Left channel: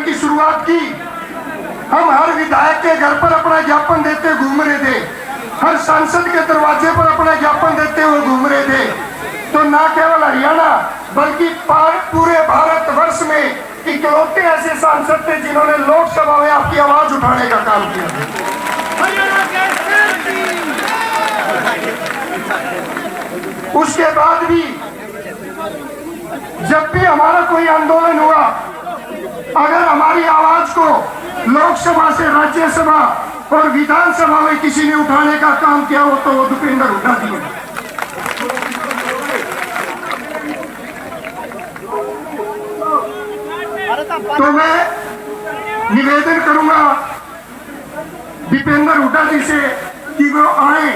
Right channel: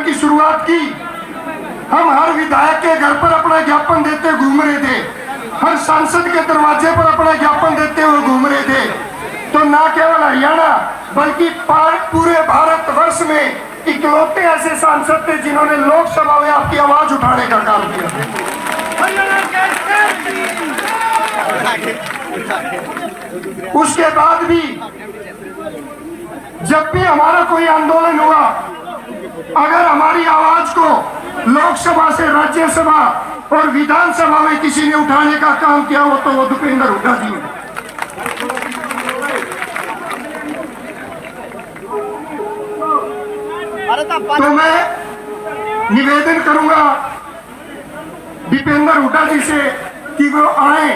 ज्ञापन की शुरुआत की। हम हर विधायक के घर पर अपना ज्ञापन देते घूम रहे थे, हर सांसद के दरवाजे पर अपना ज्ञापन देते हुए घूम रहे थे। तो न केवल हरियाणा बल्कि पूरे भारतवर्ष में इकलौते ऐसे सांसद थे जिन्होंने लोकसभा में आपकी आवाज उठाने का काम किया। उसके बाद भी जब भी हमारा कोई आंदोलन हुआ, अगर हमारी आवाज को लोकसभा से राज्यसभा और विधानसभा में किसी ने उठाने का काम किया हो तो वो भूपेंद्र हुड्डा जी है। तो मैं निवेदन करूंगा भूपेंद्र हुड्डा जी से कि वो आए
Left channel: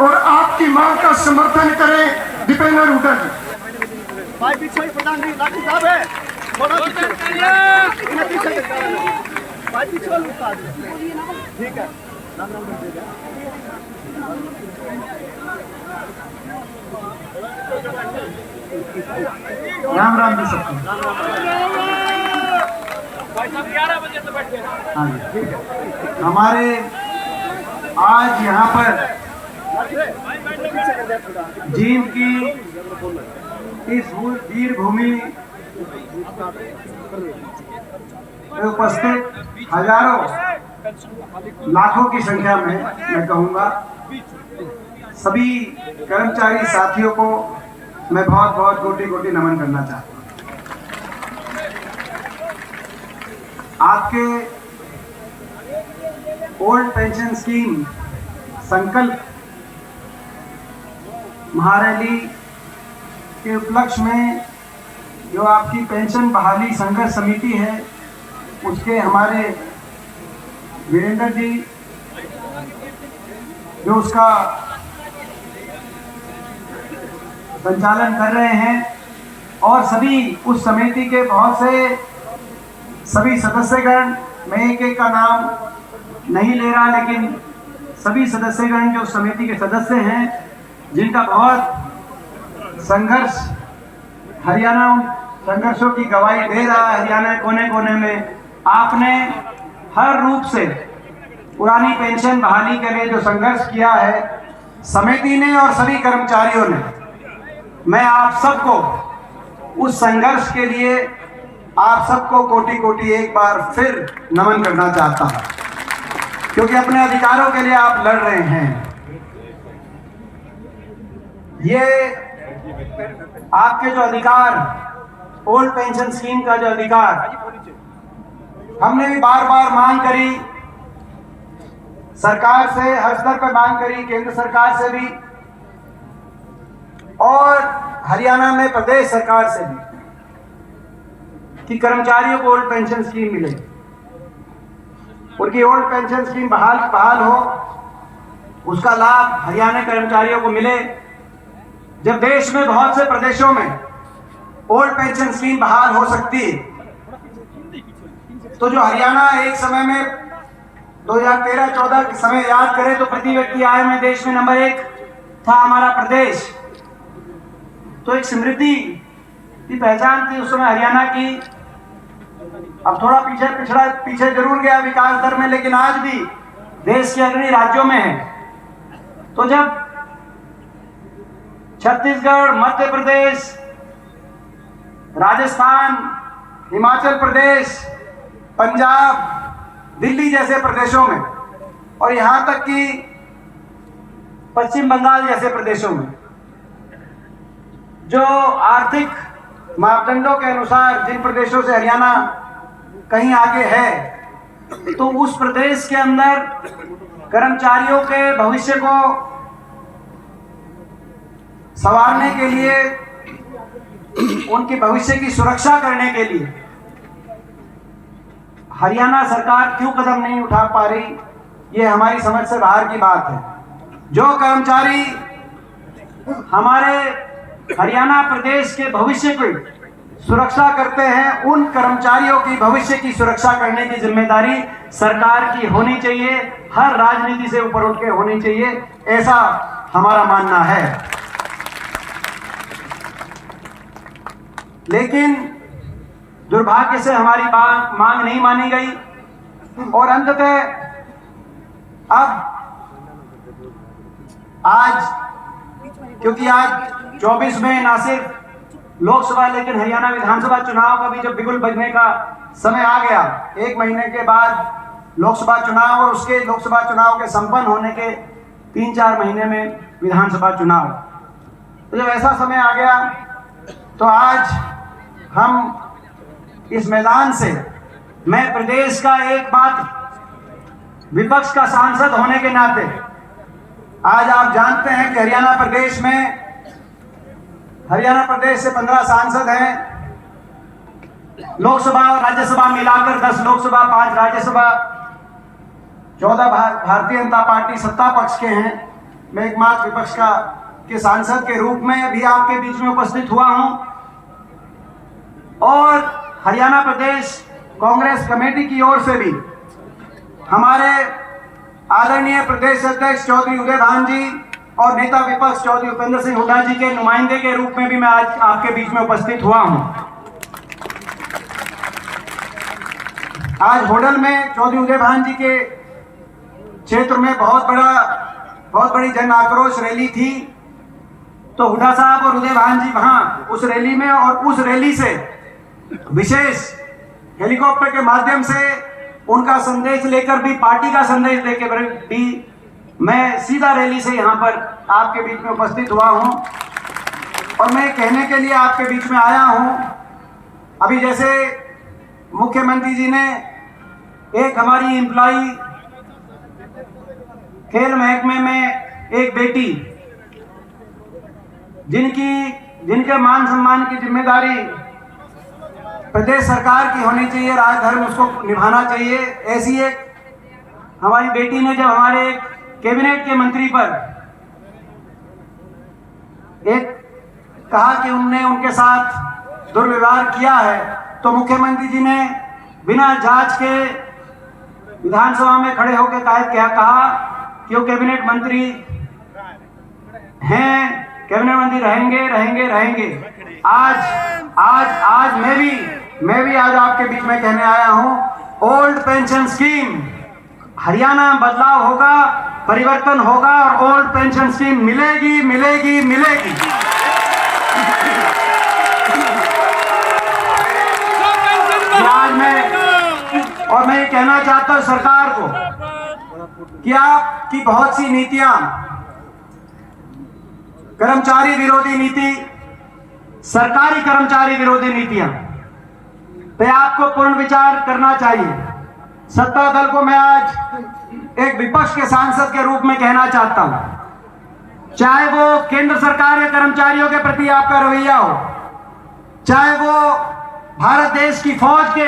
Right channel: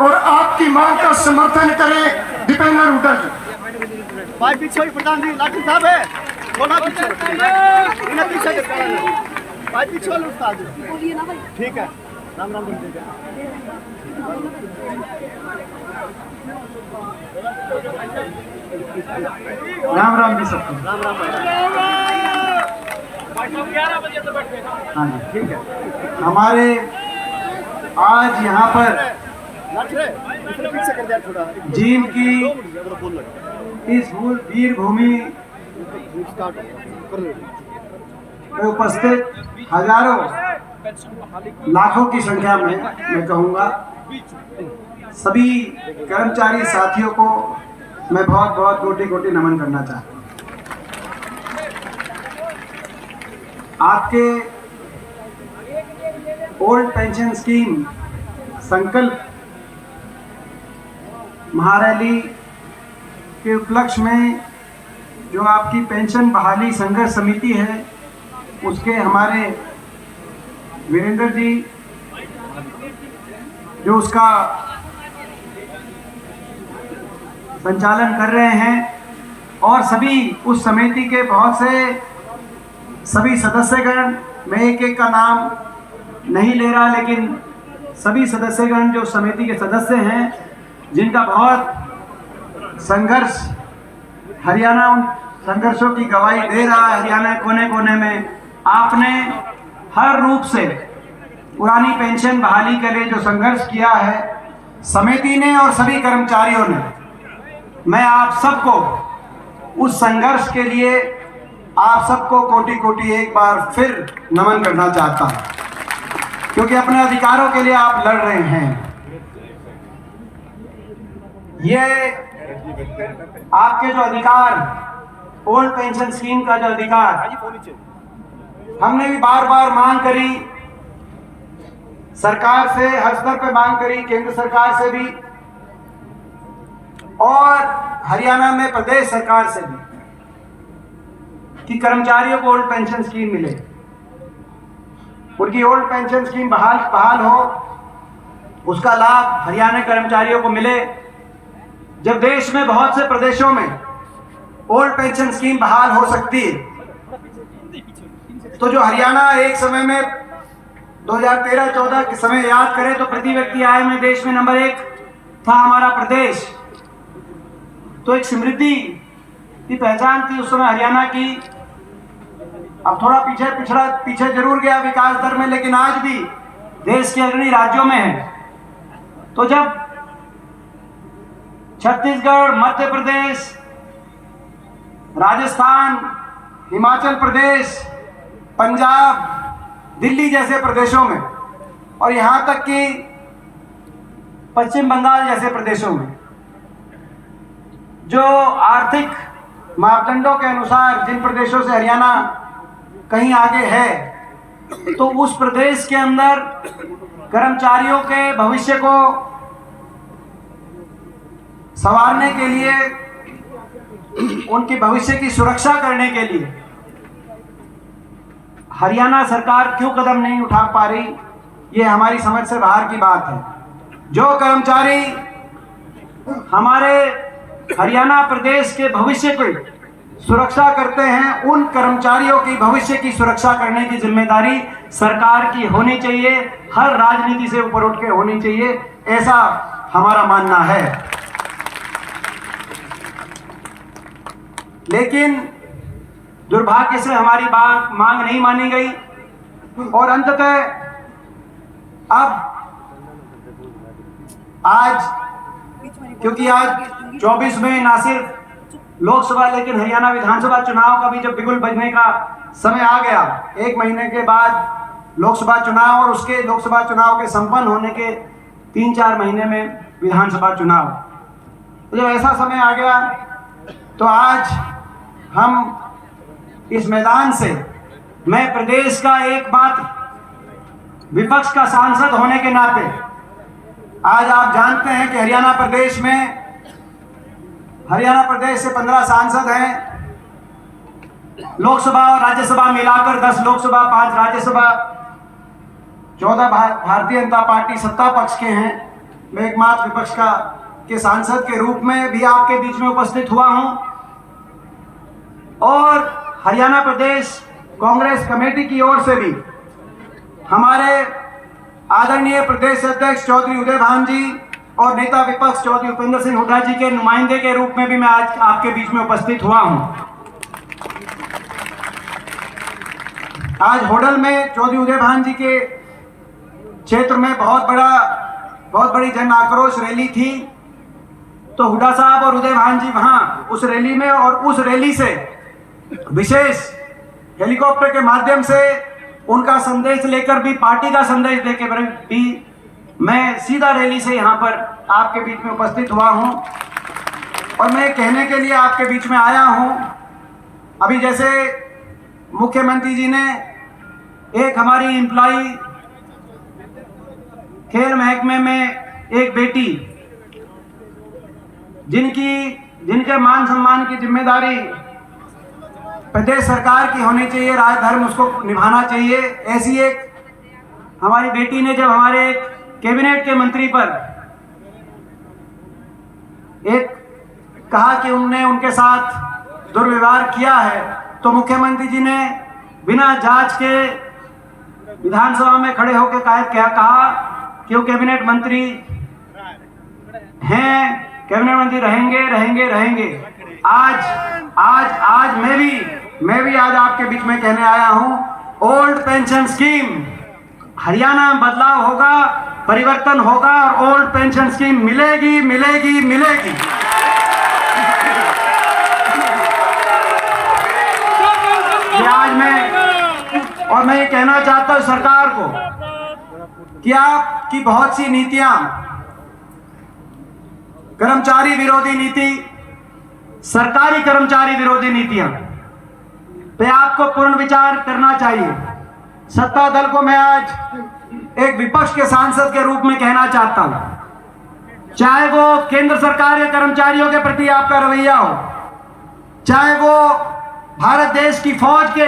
और आपकी मांग का समर्थन करें। भूपेंद्र हुड्डा जी प्रधान जी लाठी साहब है, ठीक है। राम राम जी सबको। 11 बजे से बैठे हैं। हाँ जी ठीक है। हमारे आज यहाँ पर जींद की इस वीर भूमि में उपस्थित हजारों लाखों की संख्या में मैं कहूँगा सभी कर्मचारी साथियों को मैं बहुत बहुत कोटि कोटि नमन करना चाहता हूँ। आपके ओल्ड पेंशन स्कीम संकल्प महारैली के उपलक्ष्य में जो आपकी पेंशन बहाली संघर्ष समिति है, उसके हमारे वीरेंद्र जी जो उसका संचालन कर रहे हैं और सभी उस समिति के बहुत से सभी सदस्यगण, मैं एक एक का नाम नहीं ले रहा, लेकिन सभी सदस्यगण जो समिति के सदस्य हैं जिनका बहुत संघर्ष हरियाणा संघर्षों की गवाही दे रहा है। हरियाणा कोने कोने में आपने हर रूप से पुरानी पेंशन बहाली के लिए जो संघर्ष किया है समिति ने और सभी कर्मचारियों ने, मैं आप सबको उस संघर्ष के लिए आप सबको कोटि कोटि एक बार फिर नमन करना चाहता हूं, क्योंकि अपने अधिकारों के लिए आप लड़ रहे हैं। ये आपके जो अधिकार, ओल्ड पेंशन स्कीम का जो अधिकार, हमने भी बार बार मांग करी, सरकार से हर स्तर पर मांग करी, केंद्र सरकार से भी और हरियाणा में प्रदेश सरकार से भी, कि कर्मचारियों को ओल्ड पेंशन स्कीम मिले, उनकी ओल्ड पेंशन स्कीम बहाल हो, उसका लाभ हरियाणा कर्मचारियों को मिले। जब देश में बहुत से प्रदेशों में ओल्ड पेंशन स्कीम बहाल हो सकती है, तो जो हरियाणा एक समय में 2013-14 के समय याद करें तो प्रति व्यक्ति आय में देश में नंबर 1 था हमारा प्रदेश। तो एक समृद्धि की पहचान थी उस समय हरियाणा की। अब थोड़ा पीछे जरूर गया विकास दर में, लेकिन आज भी देश के अग्रणी राज्यों में है। तो जब छत्तीसगढ़, मध्य प्रदेश, राजस्थान, हिमाचल प्रदेश, पंजाब, दिल्ली जैसे प्रदेशों में और यहां तक कि पश्चिम बंगाल जैसे प्रदेशों में जो आर्थिक मापदंडों के अनुसार जिन प्रदेशों से हरियाणा कहीं आगे है, तो उस प्रदेश के अंदर कर्मचारियों के भविष्य को संवारने के लिए, उनके भविष्य की सुरक्षा करने के लिए हरियाणा सरकार क्यों कदम नहीं उठा पा रही, ये हमारी समझ से बाहर की बात है। जो कर्मचारी हमारे हरियाणा प्रदेश के भविष्य की सुरक्षा करते हैं, उन कर्मचारियों की भविष्य की सुरक्षा करने की जिम्मेदारी सरकार की होनी चाहिए, हर राजनीति से ऊपर उठ के होनी चाहिए, ऐसा हमारा मानना है। लेकिन दुर्भाग्य से हमारी मांग नहीं मानी गई और अंततः अब आज, क्योंकि आज 24 में ना सिर्फ लोकसभा लेकिन हरियाणा विधानसभा चुनाव का भी जब बिगुल बजने का समय आ गया, 1 महीने के बाद लोकसभा चुनाव और उसके लोकसभा चुनाव के संपन्न होने के 3-4 महीने में विधानसभा चुनाव, तो जब ऐसा समय आ गया तो आज हम इस मैदान से, मैं प्रदेश का एक बात विपक्ष का सांसद होने के नाते, आज आप जानते हैं कि हरियाणा प्रदेश से 15 सांसद हैं, लोकसभा और राज्यसभा मिलाकर 10 लोकसभा 5 राज्यसभा, 14 भारतीय जनता पार्टी सत्ता पक्ष के हैं। मैं एकमात्र विपक्ष के सांसद के रूप में भी आपके बीच में उपस्थित हुआ हूं और हरियाणा प्रदेश कांग्रेस कमेटी की ओर से भी हमारे आदरणीय प्रदेश अध्यक्ष चौधरी उदय भान जी और नेता विपक्ष चौधरी उपेंद्र सिंह हुड्डा जी के नुमाइंदे के रूप में भी मैं आज आपके बीच में उपस्थित हुआ हूं। आज होडल में चौधरी उदय भान जी के क्षेत्र में बहुत बड़ी जन आक्रोश रैली थी, तो हुड्डा साहब और उदय भान जी वहां उस रैली में, और उस रैली से विशेष हेलीकॉप्टर के माध्यम से उनका संदेश लेकर भी, पार्टी का संदेश देकर भी मैं सीधा रैली से यहाँ पर आपके बीच में उपस्थित हुआ हूँ और मैं कहने के लिए आपके बीच में आया हूँ। अभी जैसे मुख्यमंत्री जी ने एक हमारी एम्प्लॉई खेल महकमे में एक बेटी जिनके मान सम्मान की जिम्मेदारी प्रदेश सरकार की होनी चाहिए, राजधर्म उसको निभाना चाहिए, ऐसी एक हमारी बेटी ने जब हमारे एक कैबिनेट के मंत्री पर एक कहा कि उनने उनके साथ दुर्व्यवहार किया है, तो मुख्यमंत्री जी ने बिना जांच के विधानसभा में खड़े होकर कहा कि वो कैबिनेट मंत्री हैं, कैबिनेट मंत्री रहेंगे। आज मैं भी आज आपके बीच में कहने आया हूं, ओल्ड पेंशन स्कीम हरियाणा में बदलाव होगा, परिवर्तन होगा और ओल्ड पेंशन स्कीम मिलेगी। आज मैं ये कहना चाहता हूं सरकार को कि आपकी बहुत सी नीतियां, कर्मचारी विरोधी नीति, सरकारी कर्मचारी विरोधी नीतियां पे आपको पूर्ण विचार करना चाहिए। सत्ता दल को मैं आज एक विपक्ष के सांसद के रूप में कहना चाहता हूं, चाहे वो केंद्र सरकार या कर्मचारियों के प्रति आपका रवैया हो, चाहे वो भारत देश की फौज के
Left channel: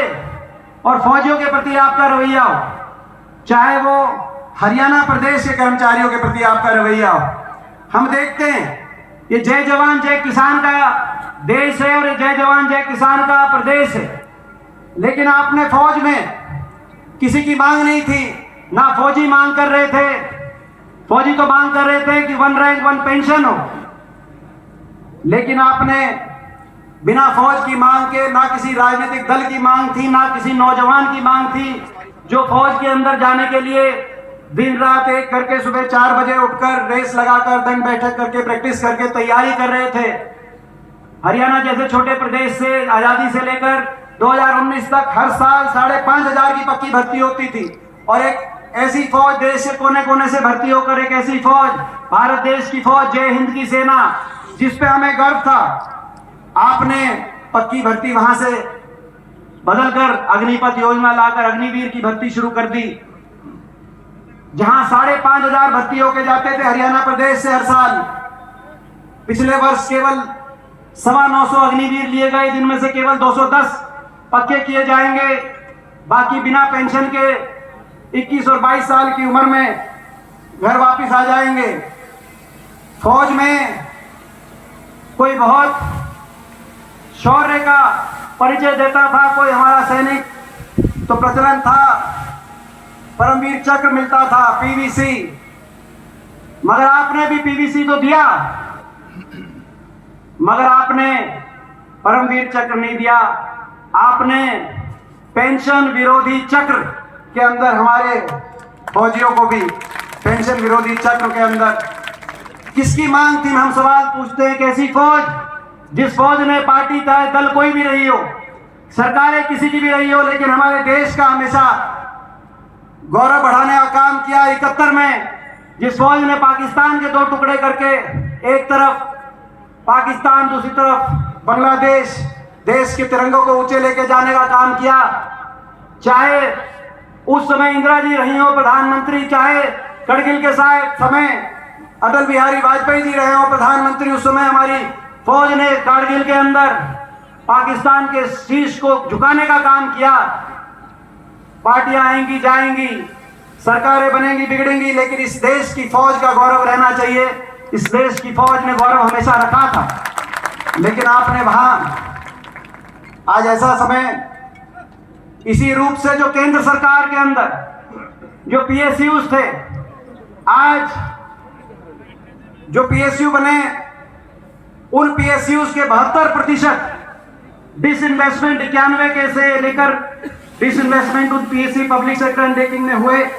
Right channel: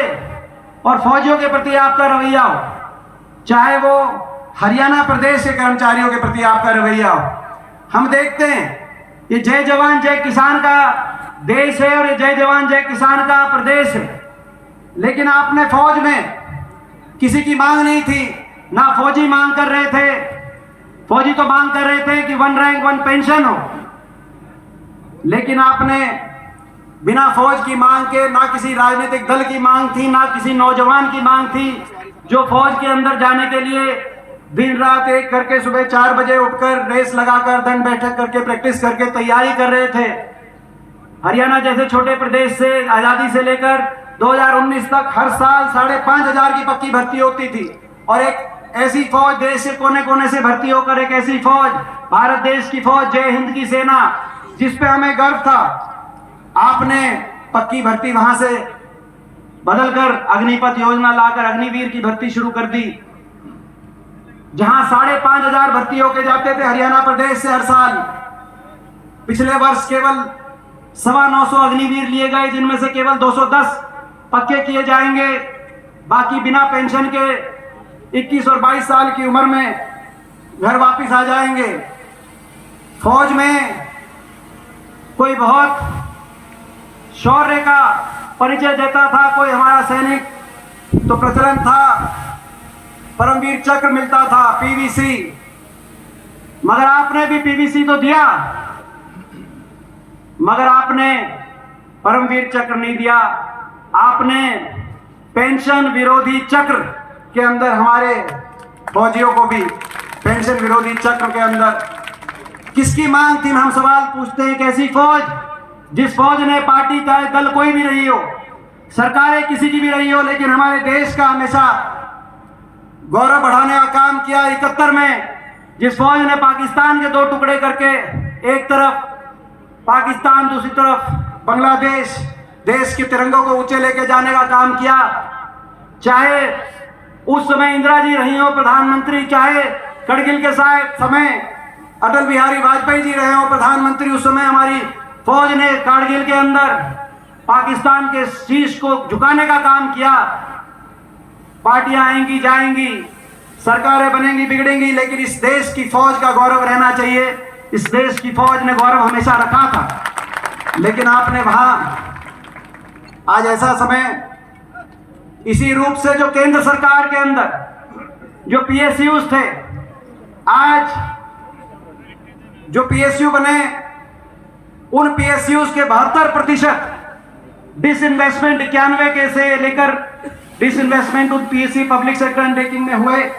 और फौजियों के प्रति आपका रवैया हो, चाहे वो हरियाणा प्रदेश के कर्मचारियों के प्रति आपका रवैया हो, हम देखते हैं ये जय जवान जय किसान का देश है और ये जय जवान जय किसान का प्रदेश है, लेकिन आपने फौज में किसी की मांग नहीं थी, ना फौजी मांग कर रहे थे। फौजी तो मांग कर रहे थे कि 1 रैंक 1 पेंशन हो, लेकिन आपने बिना फौज की मांग के, ना किसी राजनीतिक दल की मांग थी, ना किसी नौजवान की मांग थी जो फौज के अंदर जाने के लिए दिन रात एक करके सुबह 4 बजे उठकर रेस लगाकर दिन बैठक करके प्रैक्टिस करके तैयारी कर रहे थे। हरियाणा जैसे छोटे प्रदेश से आजादी से लेकर 2019 तक हर साल 5,500 की पक्की भर्ती होती थी और एक ऐसी फौज देश के कोने कोने से भर्ती होकर एक ऐसी फौज, भारत देश की फौज, जय हिंद की सेना, जिस पे हमें गर्व था, आपने पक्की भर्ती वहां से बदलकर अग्निपथ योजना लाकर अग्निवीर की भर्ती शुरू कर दी, जहां 5,500 भर्ती होके जाते थे हरियाणा प्रदेश से हर साल। पिछले वर्ष केवल 925 अग्निवीर लिए गए, जिनमें से केवल 210 पक्के किए जाएंगे, बाकी बिना पेंशन के 21 और 22 साल की उम्र में घर वापस आ जाएंगे। फौज में कोई बहुत शौर्य का परिचय देता था, कोई हमारा सैनिक तो प्रचलन था, परमवीर चक्र मिलता था, पीवीसी, मगर आपने भी पीवीसी तो दिया, मगर आपने परमवीर चक्र नहीं दिया। आपने पेंशन विरोधी चक्र के अंदर हमारे फौजियों को भी पेंशन विरोधी चक्र के अंदर किसकी मांग थी, हम सवाल पूछते हैं। कैसी फौज, जिस फौज ने पार्टी का दल कोई भी रही हो, सरकारें किसी की भी रही हो, लेकिन हमारे देश का हमेशा गौरव बढ़ाने का काम किया। 71 में जिस फौज ने पाकिस्तान के 2 टुकड़े करके एक तरफ पाकिस्तान दूसरी तरफ बांग्लादेश देश के तिरंगों को ऊंचे लेके जाने का काम किया, चाहे उस समय इंदिरा जी रही हो प्रधानमंत्री, चाहे करगिल के समय अटल बिहारी वाजपेयी जी रहे हो प्रधानमंत्री, उस समय हमारी फौज ने कारगिल के अंदर पाकिस्तान के शीश को झुकाने का काम किया। पार्टियां आएंगी जाएंगी, सरकारें बनेंगी बिगड़ेंगी, लेकिन इस देश की फौज का गौरव रहना चाहिए। इस देश की फौज ने गौरव हमेशा रखा था। लेकिन आपने वहां आज ऐसा समय इसी रूप से जो केंद्र सरकार के अंदर जो पीएसयूज थे, आज जो पीएसयू बने उन पीएसयूज के 72% डिसइन्वेस्टमेंट 91 के से लेकर डिसइन्वेस्टमेंट उन पीएसयू पब्लिक सेक्टर अंडरटेकिंग में हुए,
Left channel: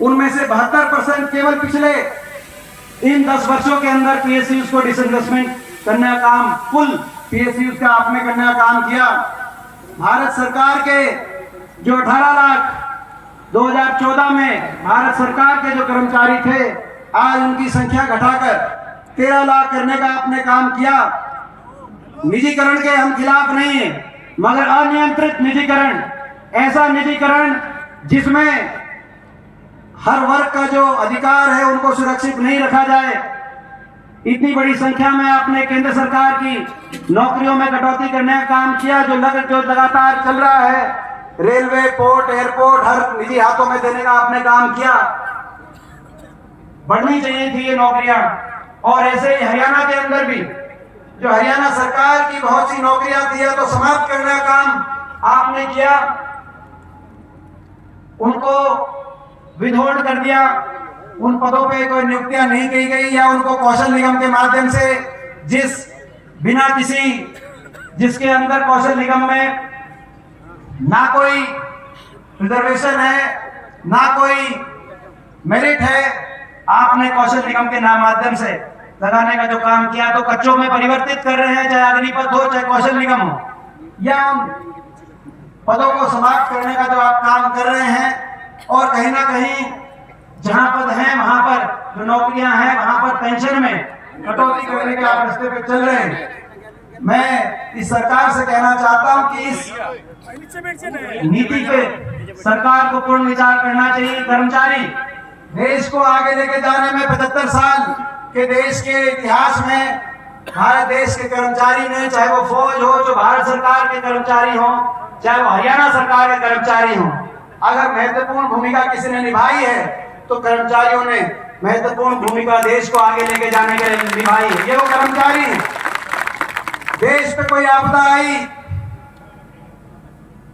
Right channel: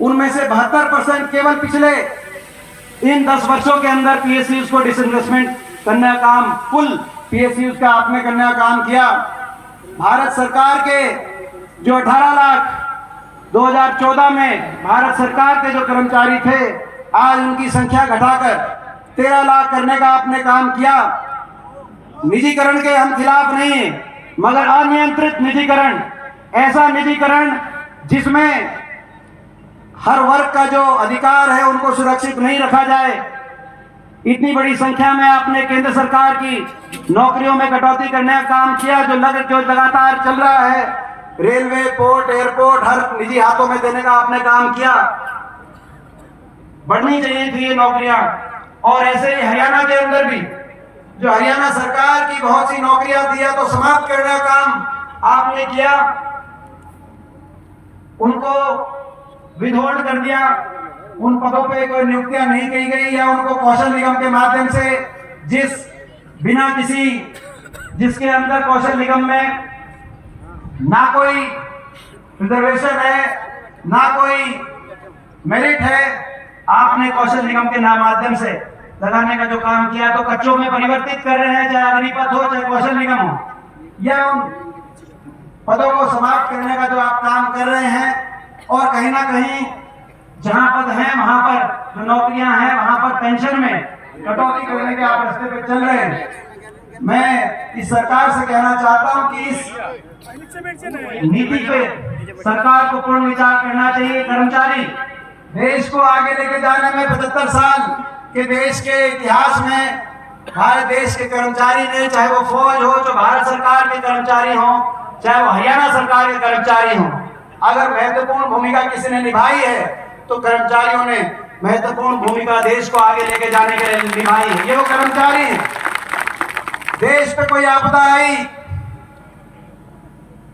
उनमें से 72% केवल पिछले इन 10 वर्षों के अंदर पीएसयूज को डिसइन्वेस्टमेंट करने का काम, कुल पीएसयूज का आपने करने का काम किया। भारत सरकार के जो 18 लाख 2014 में भारत सरकार के जो कर्मचारी थे, आज उनकी संख्या घटाकर 13 लाख करने का आपने काम किया। निजीकरण के हम खिलाफ नहीं हैं, मगर अनियंत्रित निजीकरण, ऐसा निजीकरण जिसमें हर वर्ग का जो अधिकार है उनको सुरक्षित नहीं रखा जाए। इतनी बड़ी संख्या में आपने केंद्र सरकार की नौकरियों में कटौती करने का काम किया, जो लगातार चल रहा है। रेलवे, पोर्ट, एयरपोर्ट हर निजी हाथों में देने का आपने काम किया। बढ़नी चाहिए थी ये नौकरियां। और ऐसे ही हरियाणा के अंदर भी जो हरियाणा सरकार की बहुत सी नौकरियां थी तो समाप्त करने का काम आपने किया, उनको विधोल्ड कर दिया। उन पदों पे कोई नियुक्तियां नहीं की गई, या उनको कौशल निगम के माध्यम से जिसके अंदर कौशल निगम में ना कोई रिजर्वेशन है ना कोई मेरिट है, आपने कौशल निगम के नाम माध्यम से लगाने का जो काम किया, तो कच्चों में परिवर्तित कर रहे हैं, चाहे अग्निपथ हो चाहे कौशल निगम हो, या उन पदों को समाप्त करने का जो आप काम कर रहे हैं। और कहीं ना कहीं जहां पद हैं वहां पर जो नौकरियां हैं वहां पर पेंशन में कटौती करने के आप रास्ते पे चल रहे हैं। मैं इस सरकार से कहना चाहता हूं कि इस नीति पे सरकार को पूर्ण विचार करना चाहिए। कर्मचारी देश को आगे लेके जाने में 75 साल के देश के इतिहास में भारत देश के कर्मचारी ने, चाहे वो फौज हो, जो भारत सरकार के कर्मचारी हो, चाहे वो हरियाणा सरकार के कर्मचारी हो, अगर महत्वपूर्ण भूमिका किसी ने निभाई है तो कर्मचारियों ने महत्वपूर्ण भूमिका देश को आगे लेके जाने के लिए निभाई है। ये वो कर्मचारी है। देश पे कोई आपदा आई,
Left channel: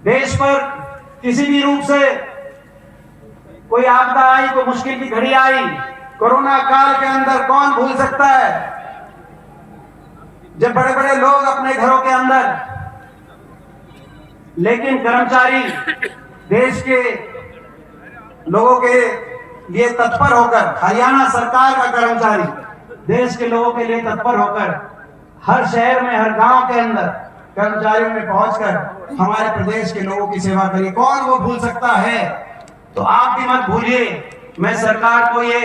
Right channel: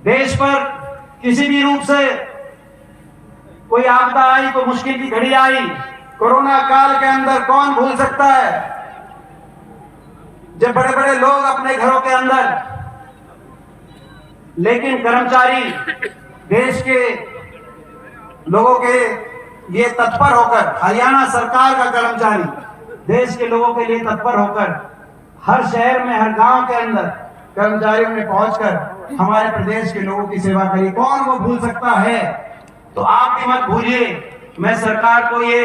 देश पर किसी भी रूप से कोई आपदा आई, कोई मुश्किल की घड़ी आई, कोरोना काल के अंदर कौन भूल सकता है जब बड़े बड़े लोग अपने घरों के अंदर, लेकिन कर्मचारी देश के लोगों के लिए तत्पर होकर, हरियाणा सरकार का कर्मचारी देश के लोगों के लिए तत्पर होकर हर शहर में, हर गांव के अंदर कर्मचारियों ने पहुंचकर हमारे प्रदेश के लोगों की सेवा करी। कौन वो भूल सकता है? तो आप भी मत भूलिए। मैं सरकार को ये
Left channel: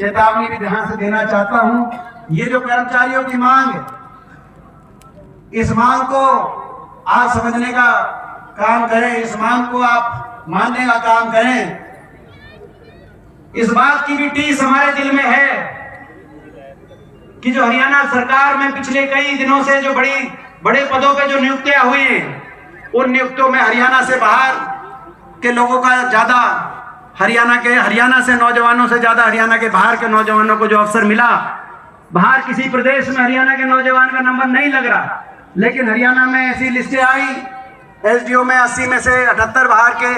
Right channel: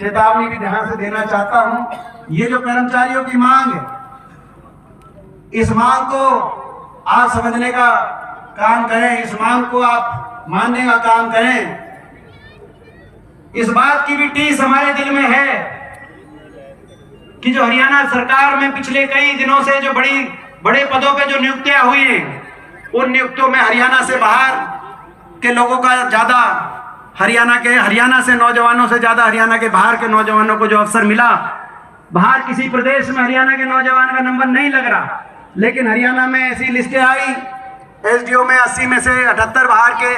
चेतावनी भी ध्यान से देना चाहता हूं, ये जो कर्मचारियों की मांग है, इस मांग को आप समझने का काम करें, इस मांग को आप मानने का काम करें। इस बात की भी टीस हमारे दिल में है कि जो हरियाणा सरकार में पिछले कई दिनों से जो बड़े पदों पे जो नियुक्तियां हुई हैं, उन नियुक्तियों में हरियाणा से बाहर के लोगों का ज्यादा, हरियाणा से नौजवानों से ज्यादा हरियाणा के बाहर के नौजवानों को जो अवसर मिला। बाहर किसी प्रदेश में हरियाणा के नौजवान का नंबर नहीं लग रहा, लेकिन हरियाणा में ऐसी लिस्टें आई, एसडीओ में 80 में से 78 बाहर के,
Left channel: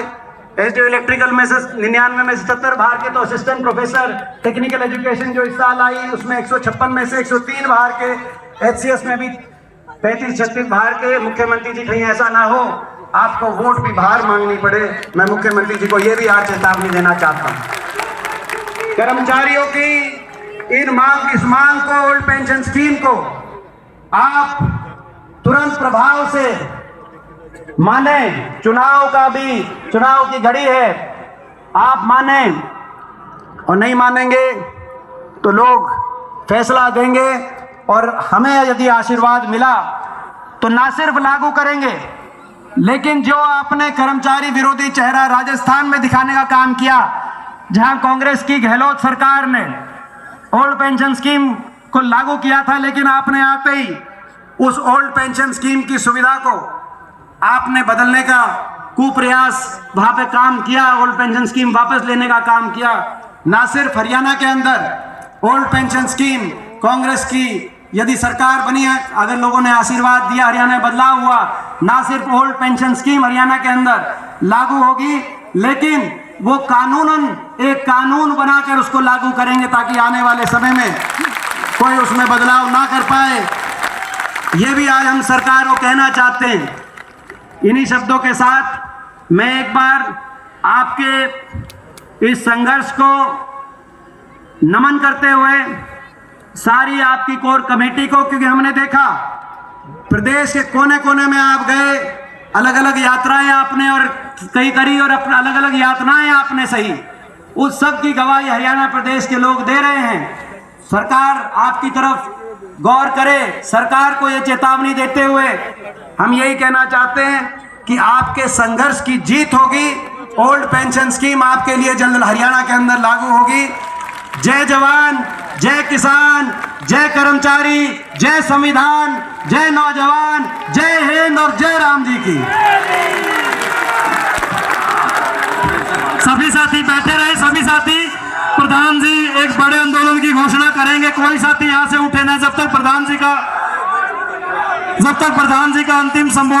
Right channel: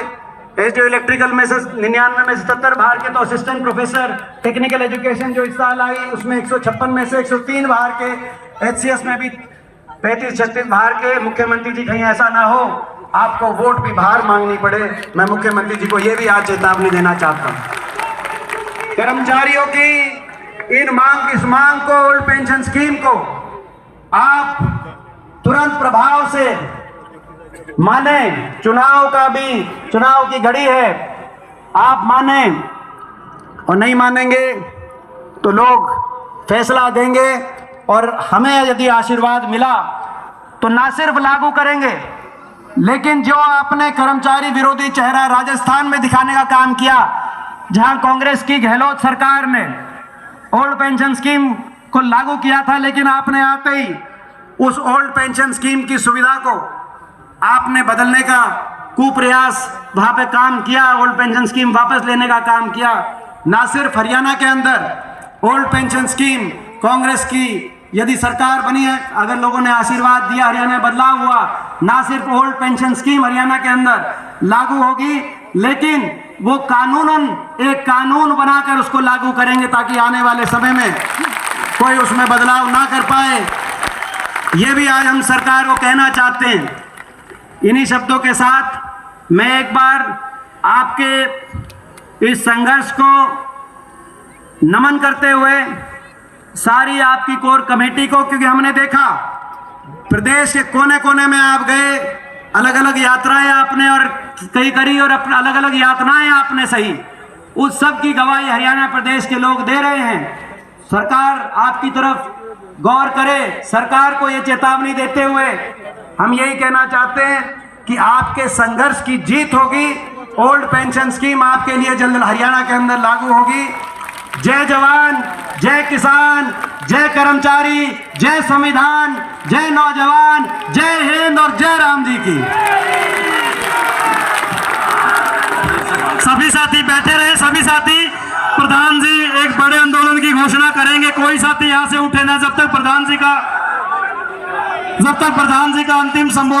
एसडीओ इलेक्ट्रिकल में से 99 में से 70 बाहर के, तो असिस्टेंट प्रोफेसर टेक्निकल एजुकेशन जो इस साल आई उसमें 156 में से 103 बाहर के, एचसीएस में भी 35-36 बाहर के। मुख्यमंत्री जी कहीं ऐसा ना हो आपको वोट भी बाहर मांगनी पड़े, मैं मुख्यमंत्री जी को यह भी आज चेतावनी देना चाहता हूं। कर्मचारियों की इस मांग को, ओल्ड पेंशन स्कीम को आप तुरंत प्रभाव से माने। चुनाव की घड़ी है, आप माने, और नहीं मानेंगे तो लोग फैसला देंगे। और हमें यदि आशीर्वाद मिला तो ना सिर्फ लागू करेंगे, लेकिन जो आपने कर्मचारी विरोधी चेहरा राजस्थान में दिखाने का काम किया, जहां कांग्रेस की गहलोत सरकार ने ओल्ड पेंशन स्कीम को लागू किया था, लेकिन आपने आते ही उस ओल्ड पेंशन स्कीम की सुविधा को आपने बदलने का कुप्रयास वहां पे काम किया, ओल्ड पेंशन स्कीम वापस लेने का काम किया। ना सिर्फ हरियाणा के अंदर ओल्ड पेंशन स्कीम कांग्रेस की यदि सरकार बनी है, अगर लोगों ने आशीर्वाद दिया, हरियाणा में बदलाव हुआ, ना सिर्फ ओल्ड पेंशन स्कीम हरियाणा के अंदर लागू होगी, लेकिन वो कानूनन एक कानून बनाकर उसको लागू करेंगे ताकि आने वाले समय में कोई उसमें बदलाव ना कर पाए। ये भी आज हम सरकार को कहना चाहते हैं। इन्हीं शब्दों के साथ मैं एक बार आपके इस संघर्ष को नमन करते हुए सारी आपकी कोर कमेटी को, क्योंकि हमने देखा प्रदेश के कोने कोने में आप गए, अलग अलग यात्राएं आपने और कई करी, और अलग अलग यातनाएं आपने सही, उस सब की गवाही हरियाणा प्रदेश के लोग दे रहे हैं। सरकार आपकी तरफ गौर करे। सरकार को ये चेतावनी देते हुए हम यही कहना चाहते हैं कि आपके संघर्ष की जीत होगी। ओल्ड पेंशन स्कीम आपके लिए जल्द हरियाणा के अंदर लागू होगी। जय जवान, जय किसान, जय कर्मचारी, जय संविधान, जय नौजवान, जय हिंद और जय राम जी की। सभी साथी बैठे रहे। सभी साथी, प्रधान जी एक बड़े आंदोलन की घोषणा करेंगे। कोई साथी यहां से उठे ना जब तक प्रधान जी का अंतिम संबोधन